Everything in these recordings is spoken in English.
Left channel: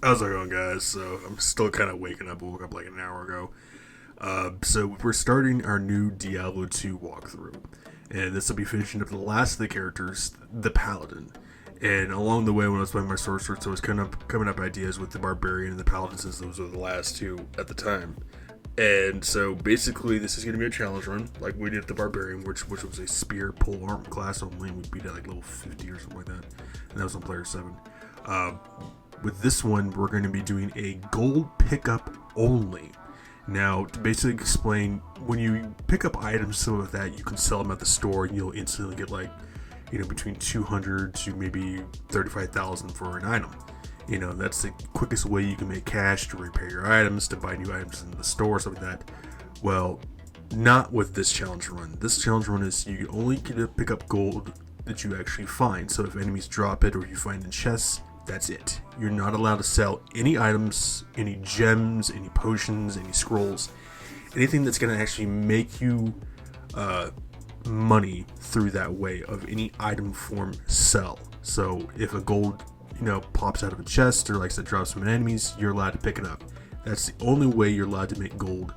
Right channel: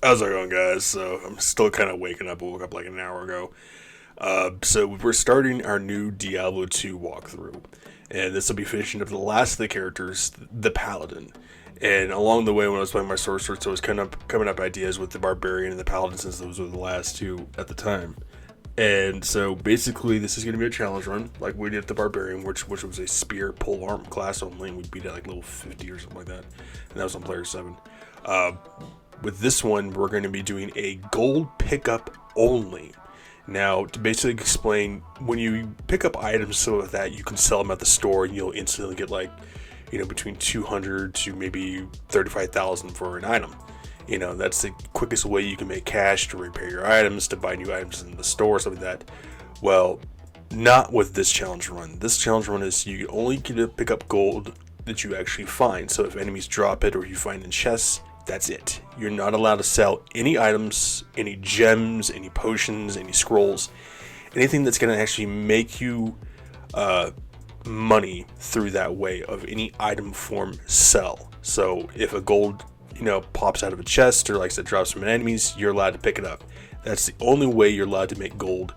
How's it going, guys? So I'm still kind of waking up. I woke up like an hour ago. So we're starting our new Diablo 2 walkthrough, and this will be finishing up the last of the characters, the Paladin. And along the way, when I was playing my sorcerer, so I was kind of coming up ideas with the Barbarian and the Paladin, since those were the last two at the time. And so basically, this is going to be a challenge run, like we did the Barbarian, which was a spear pole arm class only, and we beat it like level 50 or something like that. And that was on player 7. Uh, with this one, we're going to be doing a gold pickup only. Now, to basically explain, when you pick up items, some of that, you can sell them at the store and you'll instantly get like, between 200 to maybe 35,000 for an item. That's the quickest way you can make cash to repair your items, to buy new items in the store, stuff like that. Well, not with this challenge run. This challenge run is you only get to pick up gold that you actually find. So if enemies drop it or you find in chests, that's it. You're not allowed to sell any items, any gems, any potions, any scrolls, anything that's going to actually make you money through that way of any item form sell. So if a gold, pops out of a chest or like I said, drops from enemies, you're allowed to pick it up. That's the only way you're allowed to make gold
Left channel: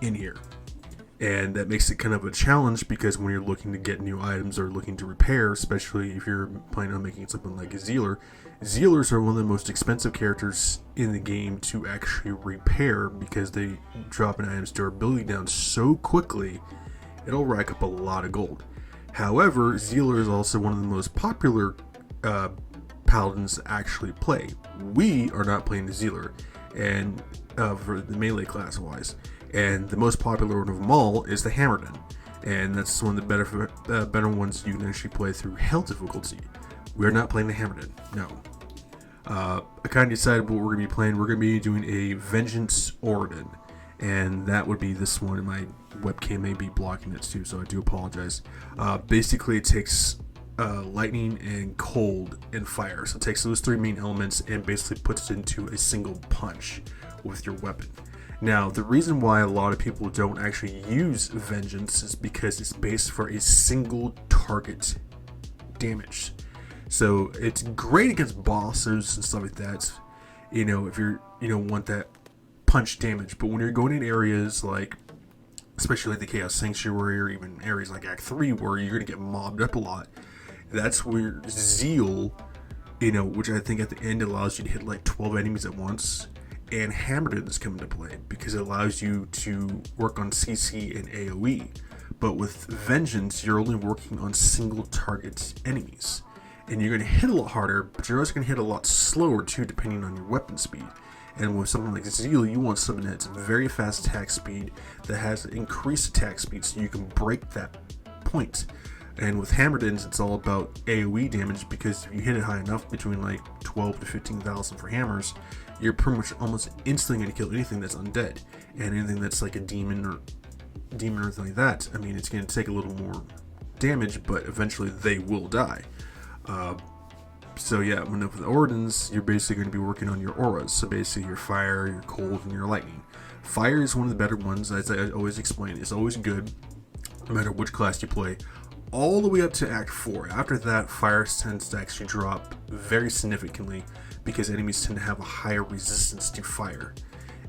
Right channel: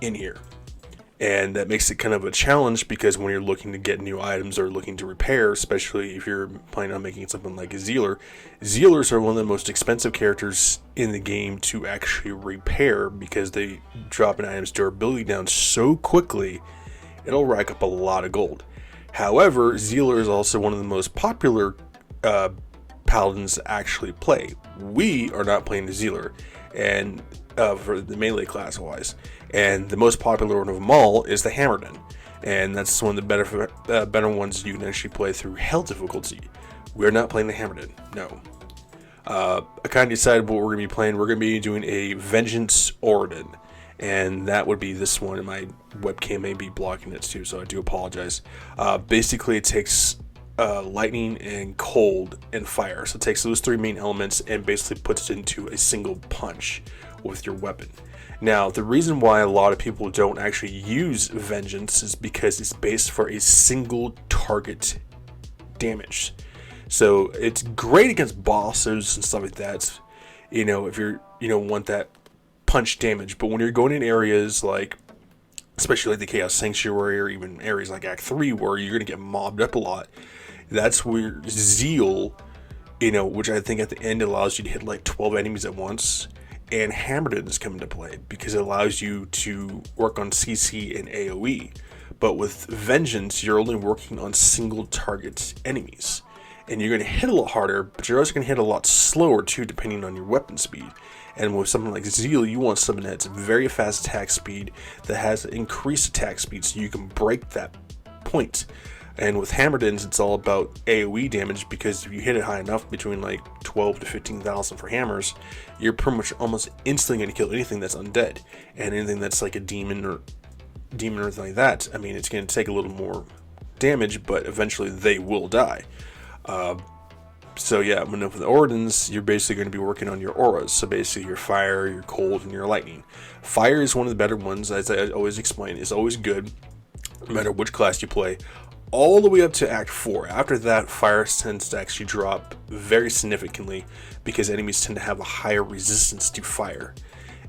in here. And that makes it kind of a challenge because when you're looking to get new items or looking to repair, especially if you're planning on making something like a Zealer, Zealers are one of the most expensive characters in the game to actually repair because they drop an item's durability down so quickly, it'll rack up a lot of gold. However, Zealer is also one of the most popular paladins to actually play. We are not playing the Zealer, and for the melee class wise. And the most popular one of them all is the Hammerden, and that's one of the better ones you can actually play through hell difficulty. We're not playing the Hammerden, no. I kind of decided what we're going to be playing. We're going to be doing a Vengeance Orden, and that would be this one, and my webcam may be blocking it too, so I do apologize. Basically, it takes lightning and cold and fire, so it takes those three main elements and basically puts it into a single punch with your weapon. Now, the reason why a lot of people don't actually use Vengeance is because it's based for a single target damage. So it's great against bosses and stuff like that, if you're, want that punch damage. But when you're going in areas like, especially like the Chaos Sanctuary or even areas like Act 3 where you're going to get mobbed up a lot, that's where Zeal, which I think at the end allows you to hit like 12 enemies at once, and Hammerden is coming to play because it allows you to work on CC and AoE. But with Vengeance, you're only working on single target enemies. And you're going to hit a lot harder, but you're also going to hit a lot slower too, depending on your weapon speed. And with something like Zeal, you want something that's very fast attack speed, that has increased attack speed so you can break that point. And with Hammerdens, it's all about AoE damage because if you hit it high enough, between like 12 to 15,000 for hammers, you're pretty much almost instantly going to kill anything that's undead. And anything that's like a demon or anything like that, I mean, it's going to take a little more damage, but eventually they will die. So yeah, when for the Ordens, you're basically going to be working on your auras. So basically your fire, your cold, and your lightning. Fire is one of the better ones, as I always explain. It's always good, no matter which class you play. All the way up to Act 4. After that, fire tends to actually drop very significantly because enemies tend to have a higher resistance to fire.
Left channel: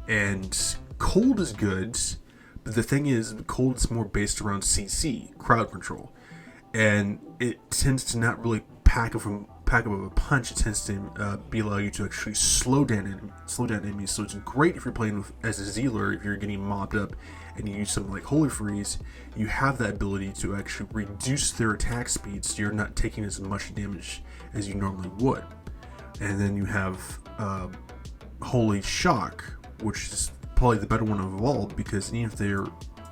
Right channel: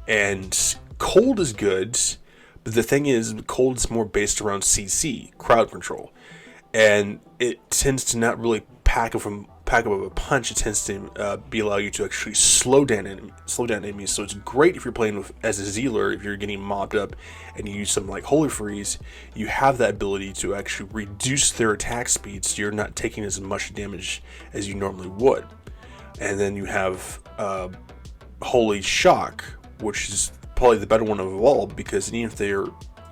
And cold is good, but the thing is, cold is more based around CC, crowd control. And it tends to not really pack up a punch. It tends to allow you to actually slow down enemies. So it's great if you're playing as a Zealer. If you're getting mobbed up and you use something like Holy Freeze, you have that ability to actually reduce their attack speed, so you're not taking as much damage as you normally would. And then you have Holy Shock, which is probably the better one of all, because even if they're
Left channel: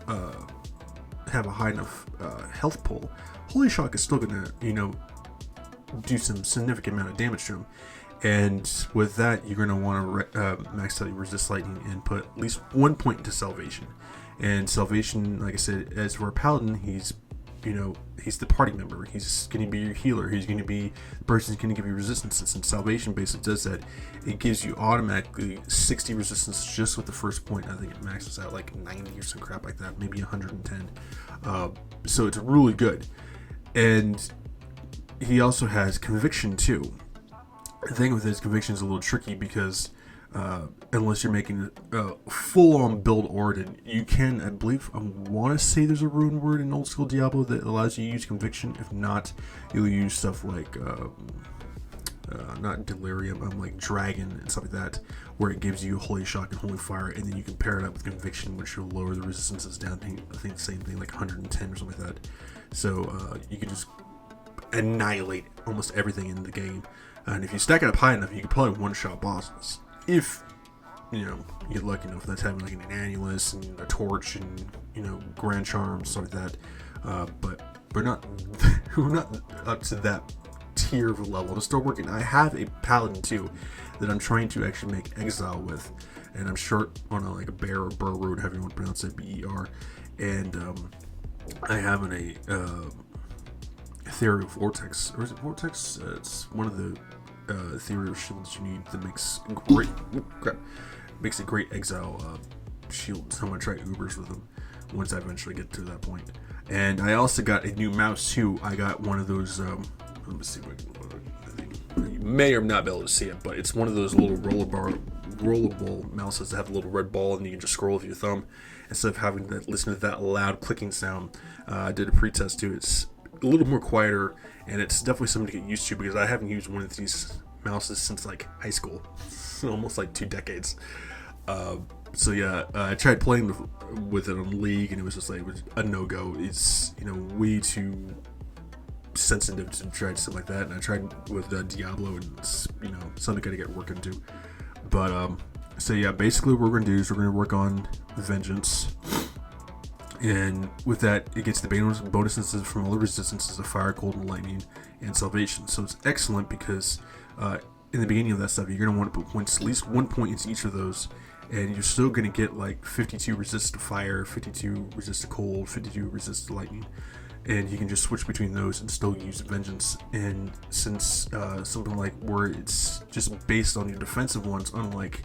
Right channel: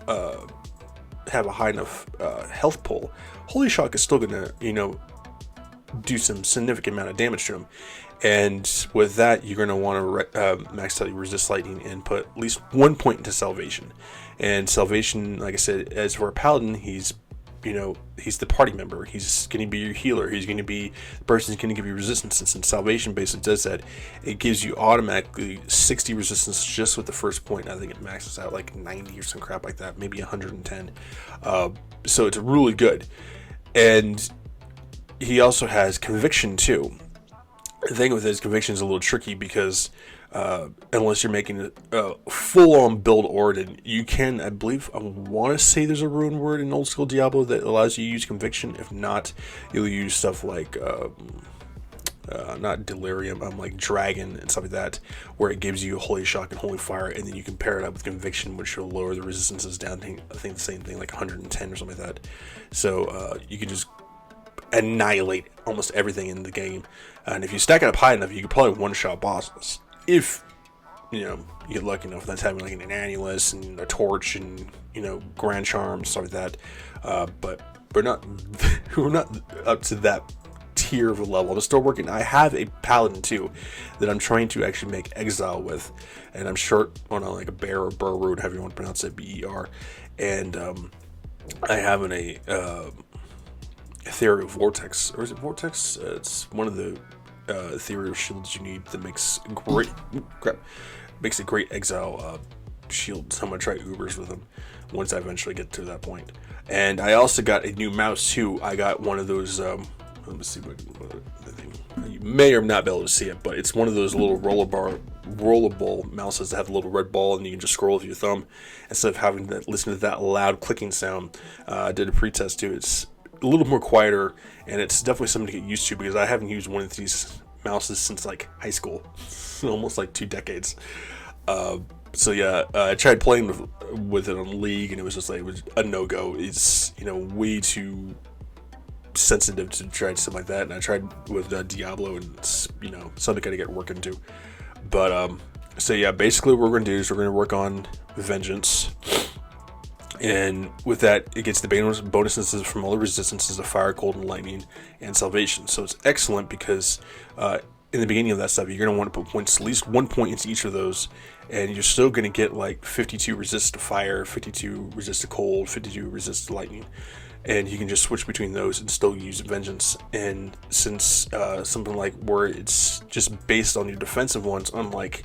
have a high enough health pool, Holy Shock is still gonna do some significant amount of damage to them. And with that, you're going to want to max out your resist lightning and put at least 1 point into salvation. And salvation, like I said, as for a paladin, he's the party member. He's going to be your healer. He's going to be the person who's going to give you resistance. And salvation basically does that. It gives you automatically 60 resistance just with the first point. I think it maxes out like 90 or some crap like that, maybe 110. So it's really good. And he also has conviction too. The thing with his conviction is a little tricky because unless you're making a full-on build Orden, you can, I believe, I want to say there's a rune word in old school Diablo that allows you to use conviction. If not, you'll use stuff like not delirium, like dragon and stuff like that, where it gives you holy shock and holy fire, and then you can pair it up with conviction, which will lower the resistances down. I think the same thing, like 110 or something like that. So you can just annihilate almost everything in the game. And if you stack it up high enough, you could probably one-shot bosses. If, you know, you get lucky enough, that's having like an annulus and a torch and, you know, grand charm, stuff like that. But we're not up to that tier of a level. I'm still working. I have a paladin too that I'm trying to actually make exile with, and I'm short on like a bear or burr root, however you want to pronounce it, BER. And I have an ethereal vortex, or is it vortex? It's one of the ethereal shields you need that makes a great exile shield. So I'm gonna try Ubers with them once I eventually get to that point. And I also got a new mouse too. I got one of those let me see what the thing, you may or not be able to see it, but it's one of those little rollable mouses that have a little red ball and you can just scroll with your thumb instead of having to listen to that loud clicking sound. I did a pretest too. It's a little more quieter, and it's definitely something to get used to because I haven't used one of these mouses since like high school, almost like 2 decades. So yeah, I tried playing with it on League, and it was just like, it was a no-go. It's, you know, way too sensitive to try something like that. And I tried with Diablo, and it's, you know, something I gotta get work into. But so yeah, basically what we're gonna do is we're gonna work on Vengeance. And with that, it gets the bonuses from all the resistances of fire, cold, and lightning, and salvation. So it's excellent because in the beginning of that stuff, you're going to want to put points, at least 1 point into each of those, and you're still going to get like 52 resist to fire, 52 resist to cold, 52 resist to lightning. And you can just switch between those and still use Vengeance. And since something like where it's just based on your defensive ones, unlike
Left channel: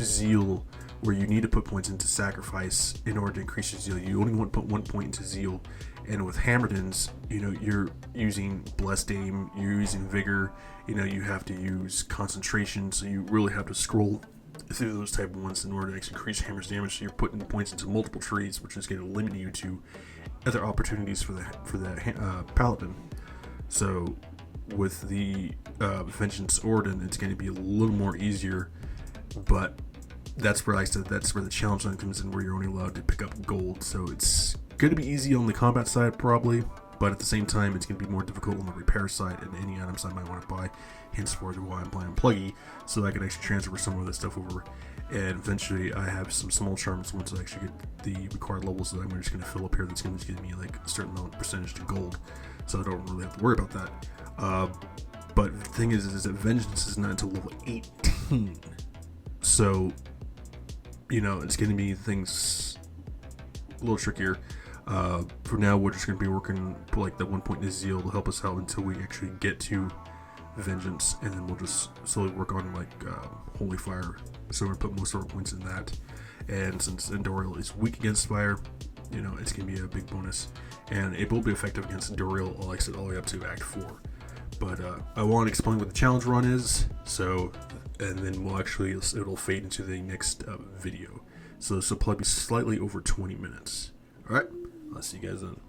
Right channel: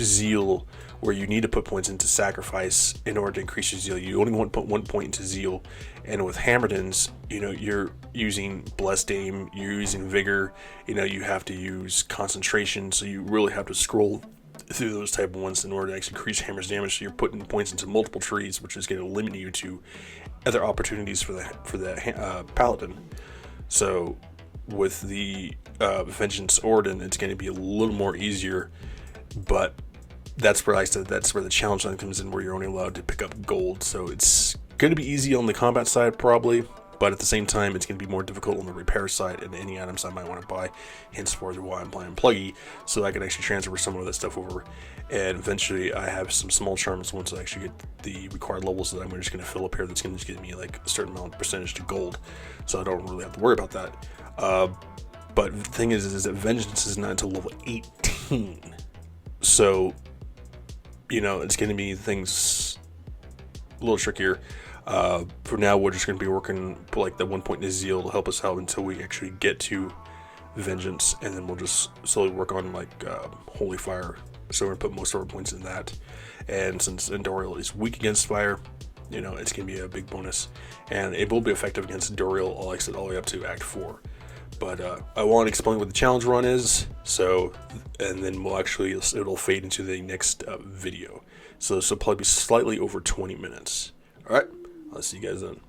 Zeal, where you need to put points into sacrifice in order to increase your zeal, you only want to put 1 point into zeal. And with Hammerdens, you know, you're using Blessed Aim, you're using Vigor, you know, you have to use concentration, so you really have to scroll through those type of ones in order to actually increase Hammer's damage. So you're putting points into multiple trees, which is going to limit you to other opportunities for the Paladin. So with the Vengeance Orden, it's going to be a little more easier, but that's where I said that's where the challenge line comes in, where you're only allowed to pick up gold. So it's going to be easy on the combat side probably, but at the same time it's going to be more difficult on the repair side and any items I might want to buy. Henceforth, why I'm playing Pluggy, so I can actually transfer some of that stuff over. And eventually I have some small charms once I actually get the required levels that I'm just going to fill up here, that's going to give me like a certain amount of percentage to gold, so I don't really have to worry about that. But the thing is that Vengeance is not until level 18, so you know, it's going to be things a little trickier. For now, we're just going to be working like the 1 point to Zeal to help us out until we actually get to Vengeance, and then we'll just slowly work on like Holy Fire. So we're going to put most of our points in that. And since Endorial is weak against fire, you know, it's going to be a big bonus. And it will be effective against Endorial, like I said, all the way up to Act 4. But I want to explain what the challenge run is, so, and then we'll actually, it'll fade into the next video. So this will probably be slightly over 20 minutes. Alright, I'll see you guys then.